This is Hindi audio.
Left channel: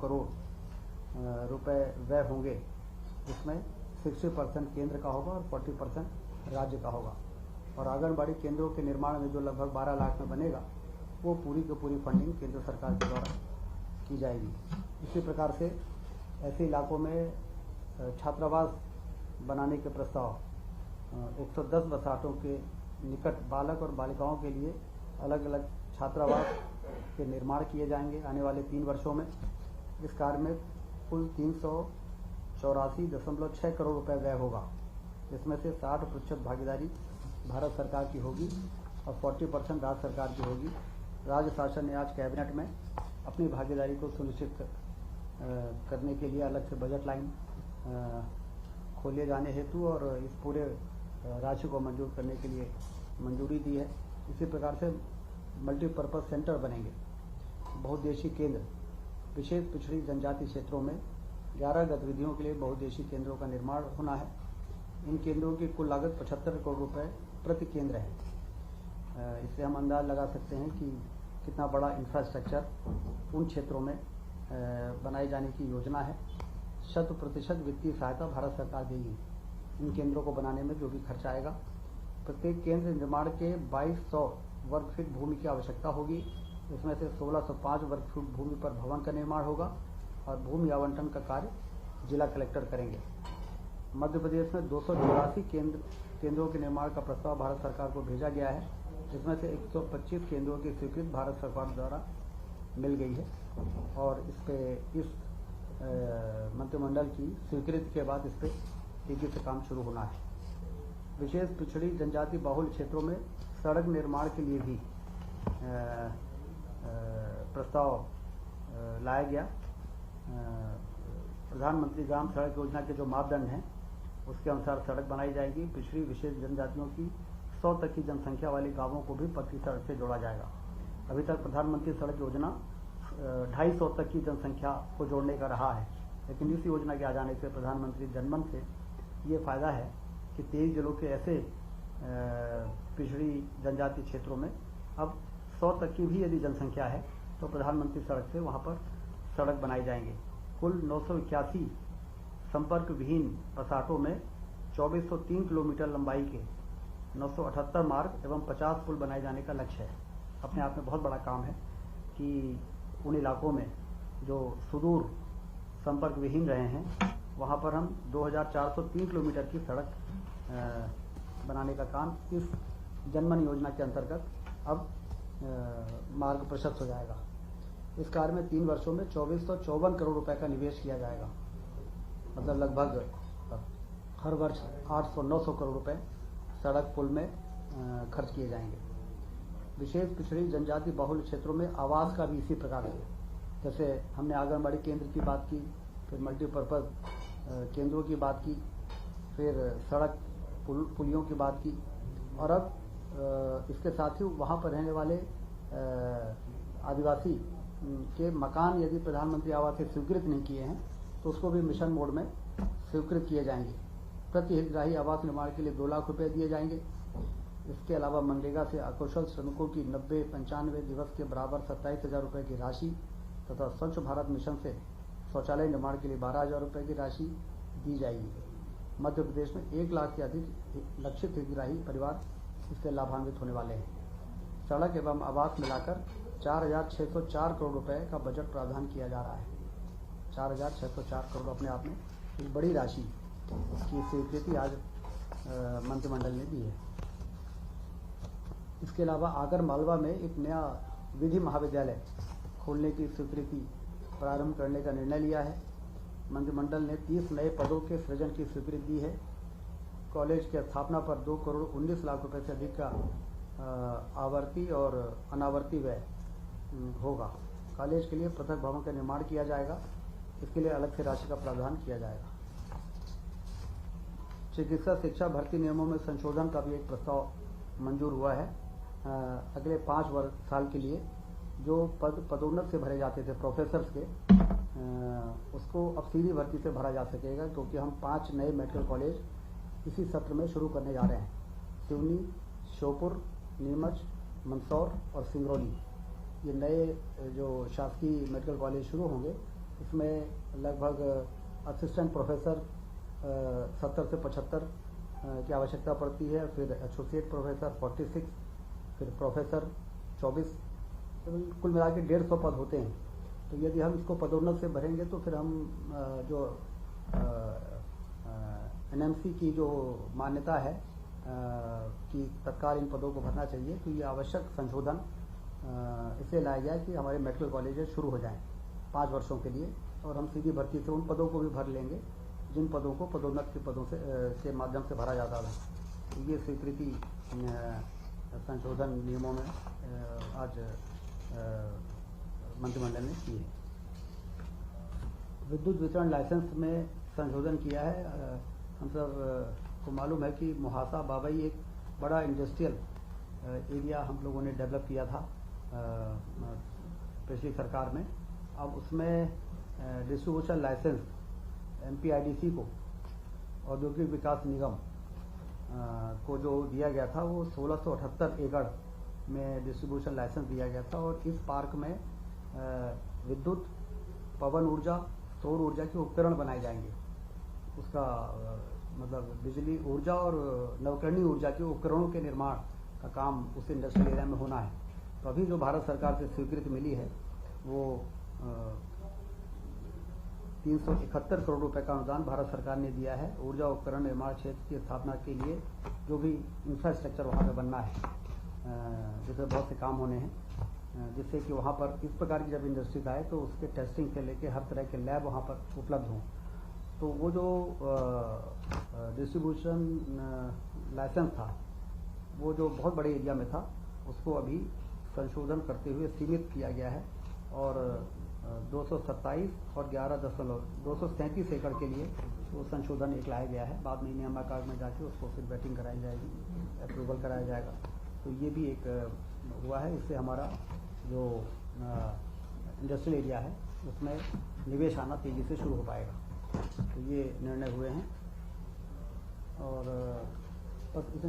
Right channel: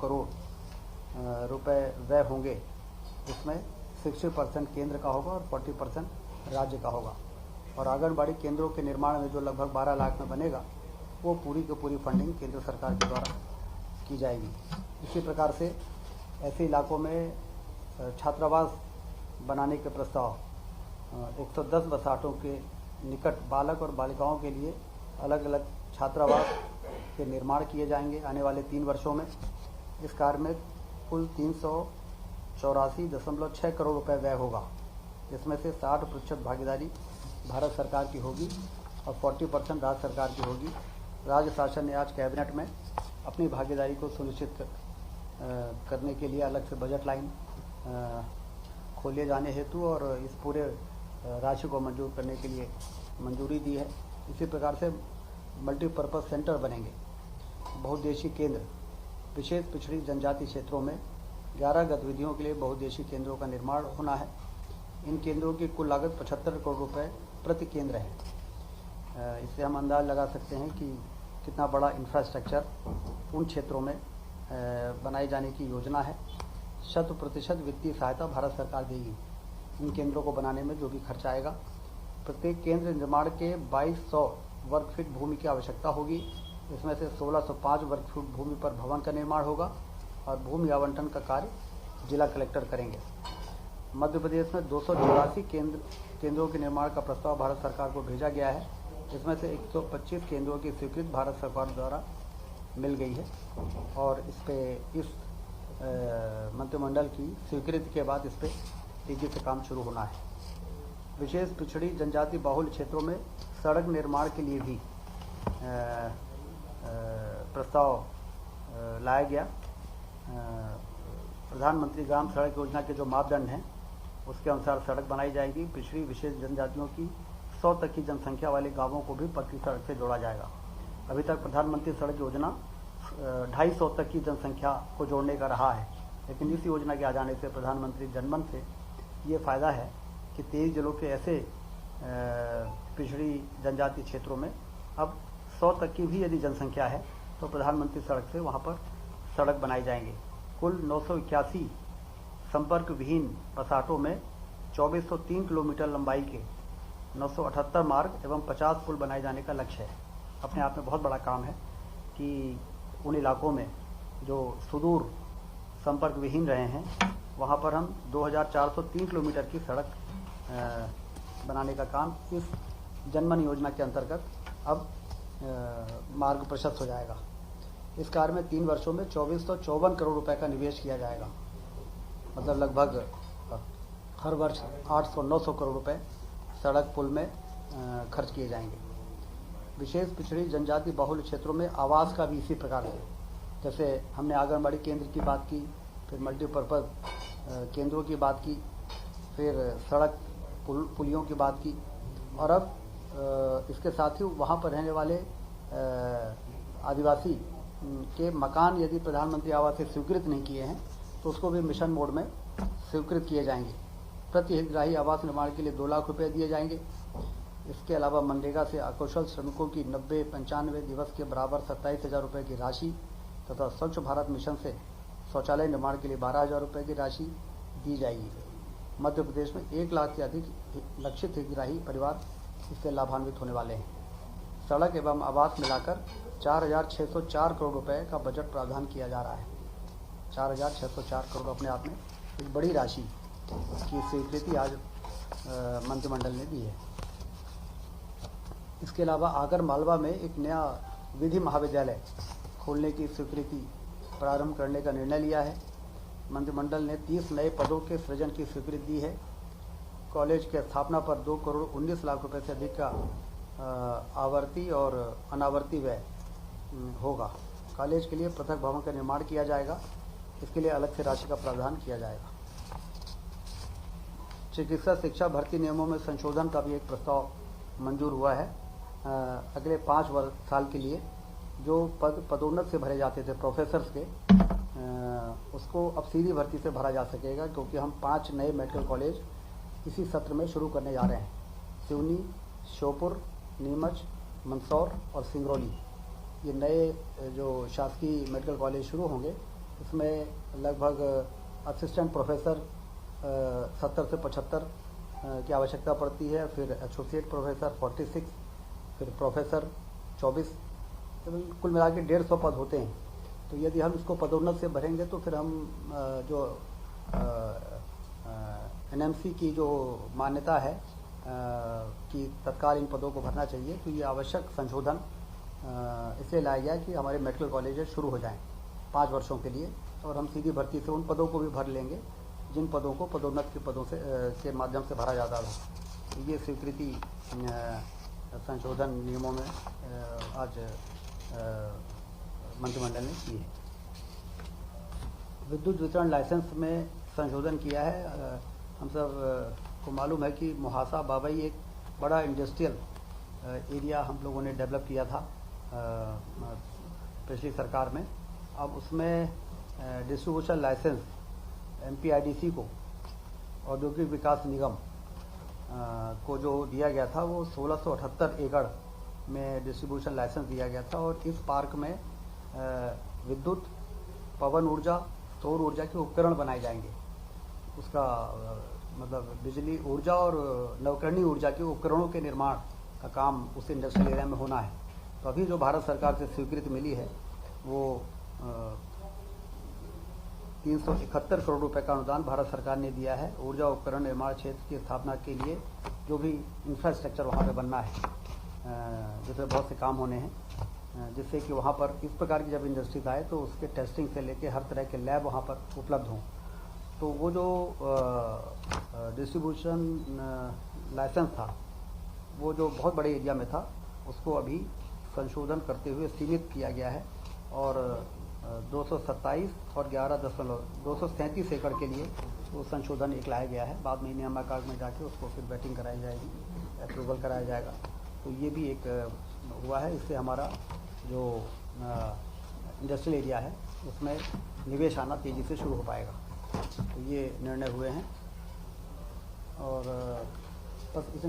करोड़ रुपए व्यय होंगे, जिसमें 60% केंद्र का होगा और 40% राज्य का होगा। और आंगनबाड़ी केंद्रों के निर्माण में जो लगभग 12 लाख में बनेगा, वो पूरी की पूरी फंडिंग केंद्र सरकार के द्वारा की जाएगी। इसी प्रकार से ऐसे इलाकों में छात्रावास बनाने के प्रस्ताव 110 बसाहटों के निकट बालक और बालिकाओं के लिए अलग अलग छात्रावास के निर्माण किए जाएंगे आने वाले 3 वर्षों में। इस कार्य में कुल 384.6 करोड़ रुपए व्यय होगा, जिसमें से 60% भागीदारी भारत सरकार की होगी और 40% राज्य सरकार की होगी। राज्य शासन ने आज कैबिनेट में अपनी भागीदारी को सुनिश्चित करने के लिए अलग से बजट लाइन खोले जाने हेतु और इस पूरे राशि को मंजूर करने के लिए मंजूरी दी है। इसी प्रकार से मल्टीपर्पज़ सेंटर बनेंगे। बहुउद्देशीय केंद्र विशेष पिछड़ी जनजाति क्षेत्रों में 11 गतिविधियों के लिए बहुउद्देशीय केंद्रों का निर्माण होना है। इन केंद्रों की कुल लागत 75 करोड़ रुपए प्रति केंद्र है। इससे हम अंदाज लगा सकते हैं कि कितना बड़ा इंफ्रास्ट्रक्चर उन क्षेत्रों में बनाए जाने की योजना है। 100% वित्तीय सहायता भारत सरकार देगी इन केंद्रों को बनाने में जो भी खर्चा आएगा। प्रत्येक केंद्र निर्माण के 2200 वर्ग फीट भूमि की आवश्यकता होगी। इसमें से 1605 वर्ग फीट भूमि पर भवन का निर्माण होगा और भूमि आवंटन का कार्य जिला कलेक्टर करेंगे। मध्य प्रदेश में 284 केंद्रों के निर्माण का प्रस्ताव भारत सरकार को भेजा गया है। इसमें से 125 केंद्रों की स्वीकृति भारत सरकार द्वारा मिल गई है और इस मंत्रिमंडल की स्वीकृति के बाद इस पर तेजी से काम शुरू होना है। विशेष पिछड़ी जनजाति बाहुल क्षेत्रों में सड़क निर्माण के लिए भी प्रस्ताव लाया गया। प्रधानमंत्री ग्राम सड़क योजना के जो मापदंड हैं उसके अनुसार सड़क बनाई जाएगी। पिछड़ी विशेष जनजातियों की 100 तक की जनसंख्या वाले गांवों को भी पक्की सड़क से जोड़ा जाएगा। अभी तक प्रधानमंत्री सड़क योजना 250 तक की जनसंख्या को जोड़ने का रहा है, लेकिन इस योजना के आ जाने से प्रधानमंत्री जनमन से ये फ़ायदा है कि 23 जिलों के ऐसे पिछड़ी जनजाति क्षेत्रों में अब 100 तक की भी यदि जनसंख्या है तो प्रधानमंत्री सड़क से वहाँ पर सड़क बनाए जाएंगे। कुल 981 संपर्क विहीन बसाहटों में 2403 किलोमीटर लंबाई के 978 मार्ग एवं 50 पुल बनाए जाने का लक्ष्य है। अपने आप में बहुत बड़ा काम है कि उन इलाकों में जो सुदूर संपर्क विहीन रहे हैं वहाँ पर हम 2403 किलोमीटर की सड़क बनाने का काम इस जनमन योजना के अंतर्गत अब मार्ग प्रशस्त हो जाएगा। इस कार्य में 3 वर्षों में 2454 करोड़ रुपए का निवेश किया जाएगा। मतलब लगभग हर वर्ष 800-900 करोड़ रुपए सड़क पुल में खर्च किए जाएंगे। विशेष पिछड़ी जनजाति बहुल क्षेत्रों में आवास का भी इसी प्रकार से, जैसे हमने आंगनबाड़ी केंद्र की बात की, फिर मल्टीपर्पज़ केंद्रों की बात की, फिर सड़क पुलियों की बात की, और अब इसके साथ ही वहाँ पर रहने वाले आदिवासी के मकान यदि प्रधानमंत्री आवास से स्वीकृत नहीं किए हैं तो उसको भी मिशन मोड में स्वीकृत किए जाएंगे। प्रति हितग्राही आवास निर्माण के लिए 2 लाख रुपए दिए जाएंगे। इसके अलावा मनरेगा से अकुशल श्रमिकों की 90-95 दिवस के बराबर 27,000 रुपये की राशि तथा स्वच्छ भारत मिशन से शौचालय निर्माण के लिए 12,000 रुपये की राशि दी जाएगी। मध्य प्रदेश में 1 लाख से अधिक लक्षित हितग्राही परिवार इससे लाभान्वित होने वाले हैं। सड़क एवं आवास मिलाकर 4,604 करोड़ रुपए का बजट प्रावधान किया जा रहा है। 4,604 करोड़ अपने आप में एक बड़ी राशि की स्वीकृति आज मंत्रिमंडल ने दी है। इसके अलावा आगर मालवा में एक नया विधि महाविद्यालय खोलने की स्वीकृति प्रारंभ करने का निर्णय लिया है। मंत्रिमंडल ने 30 नए पदों के सृजन की स्वीकृति दी है। कॉलेज की स्थापना पर 2 करोड़ 19 लाख रुपए से अधिक का आवर्ती और अनावर्ती व्यय होगा। कॉलेज के लिए पृथक भवन का निर्माण किया जाएगा। इसके लिए अलग से राशि का प्रावधान किया जाएगा। चिकित्सा शिक्षा भर्ती नियमों में संशोधन का भी एक प्रस्ताव मंजूर हुआ है। अगले 5 साल के लिए जो पद पदोन्नत से भरे जाते थे प्रोफेसर्स के, उसको अब सीधी भर्ती से भरा जा सकेगा, क्योंकि हम 5 नए मेडिकल कॉलेज इसी सत्र में शुरू करने जा रहे हैं। सिवनी, श्योपुर, नीमच, मंदसौर और सिंगरौली, ये नए जो शासकीय मेडिकल कॉलेज शुरू होंगे इसमें लगभग असिस्टेंट प्रोफेसर 70 से 75 की आवश्यकता पड़ती है, फिर एसोसिएट प्रोफेसर 46, फिर प्रोफेसर 24, तो कुल मिला के 150 पद होते हैं। तो यदि हम इसको पदोन्नत से भरेंगे तो फिर हम जो एनएमसी की जो मान्यता है कि तत्काल इन पदों को भरना चाहिए, तो ये आवश्यक संशोधन इसलिए लाया गया कि हमारे मेडिकल कॉलेजेस शुरू हो जाएं 5 वर्षों के लिए, और हम सीधी भर्ती से उन पदों को भी भर लेंगे जिन पदों को पदोन्नत के पदों के माध्यम से भरा जाता था। तो ये स्वीकृति संशोधन नियमों में आज मंत्रिमंडल ने की है। विद्युत वितरण लाइसेंस में संशोधन किया है। हम सब को मालूम है कि मुहासा बाबई एक बड़ा इंडस्ट्रियल एरिया हम लोगों ने डेवलप किया था पिछली सरकार में। अब उसमें डिस्ट्रीब्यूशन लाइसेंस MPIDC को, औद्योगिक विकास निगम को जो दिया गया था वो 1678 एकड़ में डिस्ट्रीब्यूशन लाइसेंस दिया गया था, और इस पार्क में विद्युत, पवन ऊर्जा, सौर ऊर्जा के उपकरण बनाए जाएंगे। उसका मतलब बिजली ऊर्जा और नवकरणीय ऊर्जा के उपकरणों के निर्माण का काम उस इंडस्ट्रियल एरिया में होना है। तो अभी जो भारत सरकार से स्वीकृति मिली है वो 371 करोड़ रुपए का अनुदान भारत सरकार ने दिया है ऊर्जा उपकरण निर्माण क्षेत्र की स्थापना के लिए। जो भी इंफ्रास्ट्रक्चर वहाँ पे बनना है, जिसमें बहुत से काम होने हैं, जिससे कि वहाँ पर इस प्रकार की जब इंडस्ट्रीज आए तो उसके टेस्टिंग से लेके हर तरह के लैब वहाँ पर उपलब्ध हों। तो वो जो डिस्ट्रीब्यूशन लाइसेंस था वो जो बहुत बड़े एरिया में था उसको अभी संशोधन करते हुए सीमित किया गया है, और 227 और 237 एकड़ के लिए वो संशोधन एक लाया गया है। बाद में नियामक में जाके उसको फिर बैटिंग कराई जाएगी, अप्रूवल कराया जाएगा। तो ये भी एक हुआ है। इससे हमारा जो इंडस्ट्रियल एरिया है उसमें निवेश आना तेज़ी से शुरू हो पाएगा। तो ये निर्णय हुए हैं, और बस इसे